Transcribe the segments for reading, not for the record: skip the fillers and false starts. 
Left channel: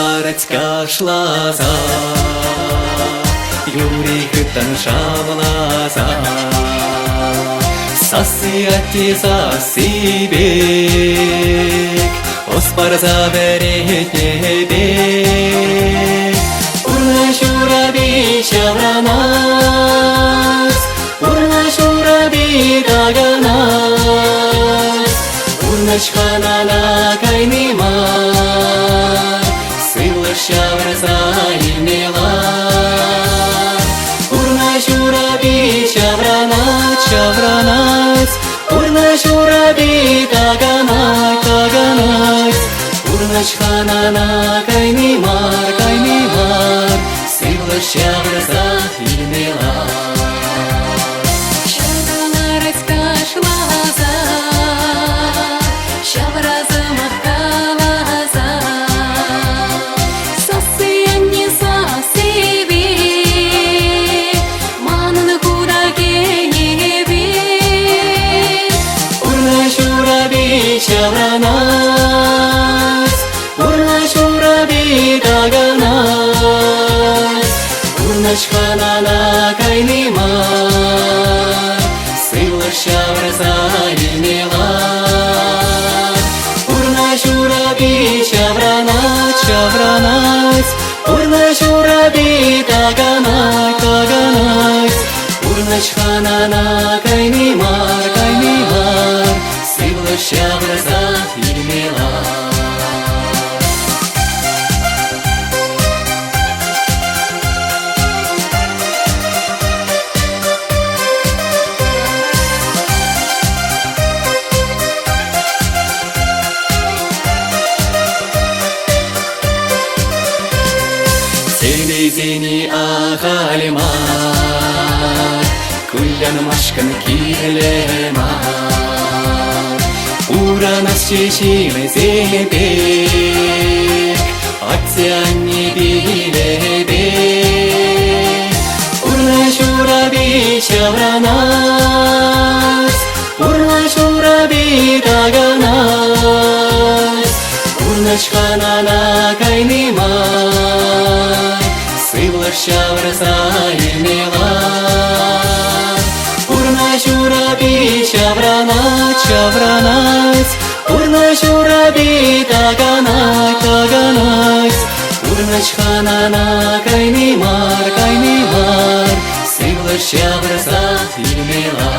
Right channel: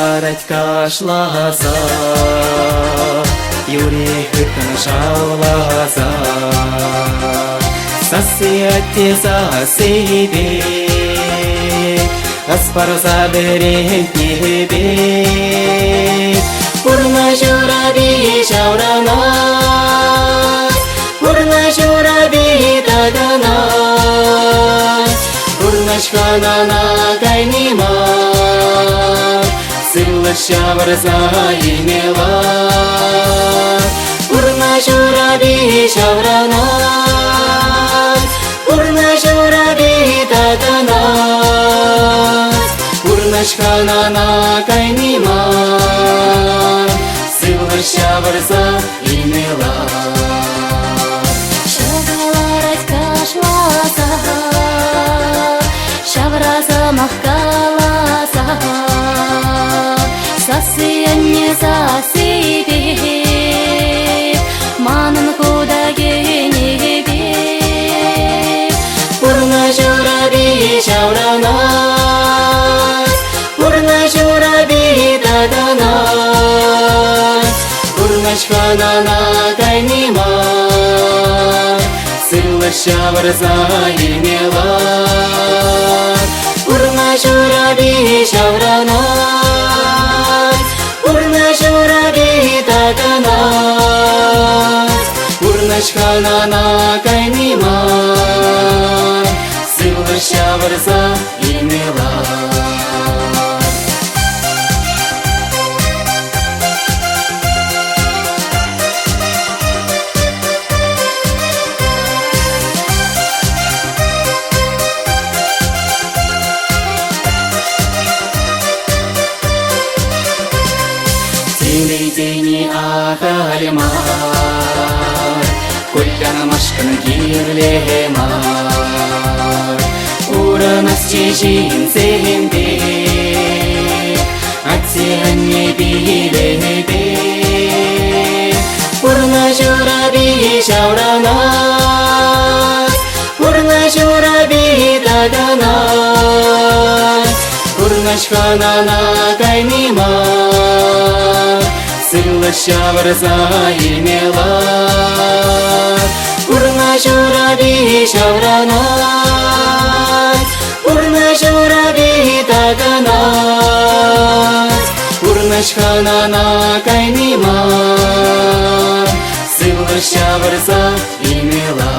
Шаулар кашласа, Юрий хыттан шауласа, Сасы сасибек, Оспарса беретнебек. Урна шураби шавранас, Урна шураби даганас, Урнашханана кайнима, Сылы шаврса инела. Урна шураби шавранас, Урна шураби даганас, Урнашханана кайнима, Сылы шаврса инела. Урнашханана кайнима, Сылы шаврса инела. Урна шураби шавранас, Урна шураби даганас, Урнашханана кайнима, Сылы шаврса инела. Зени ахалимар, Кульяна машкан кирлемар, Уранас чешил зенбек, Атсианни билебек. Урна шураби шавранас, Урна шураби даганас, Урнашханана кайнима, Сылы шаврса инела. Урна шураби шавранас, Урна шураби даганас, Урнашханана кайнима, Сылы шаврса инела.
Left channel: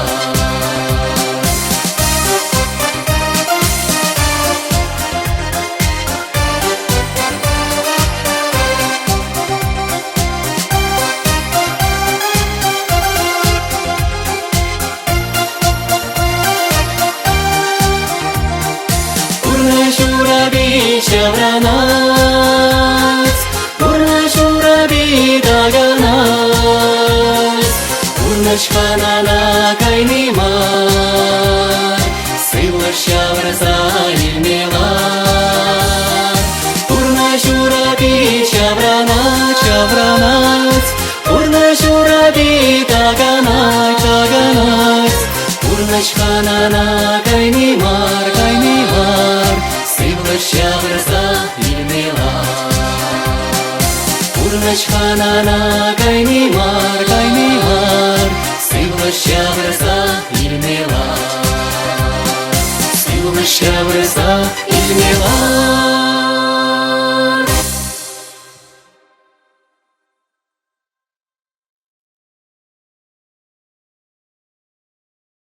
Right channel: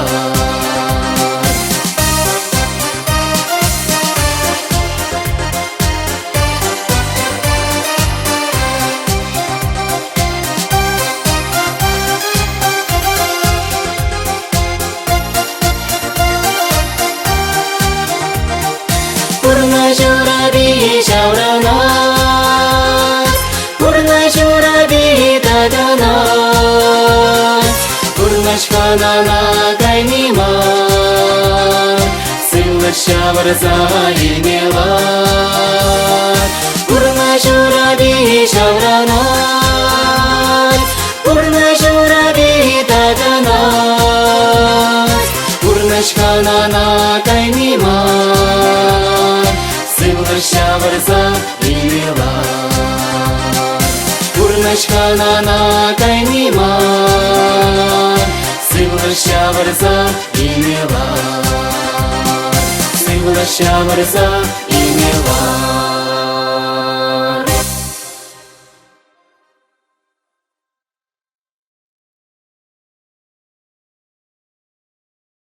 Урнашханана кайнима, Сылы шаврса инела. Урна шураби шавранас, Урна шураби даганас, Урнашханана кайнима, Сылы шаврса инела. Урнашханана кайнима, Сылы шаврса инела. Сылы шаврса инела.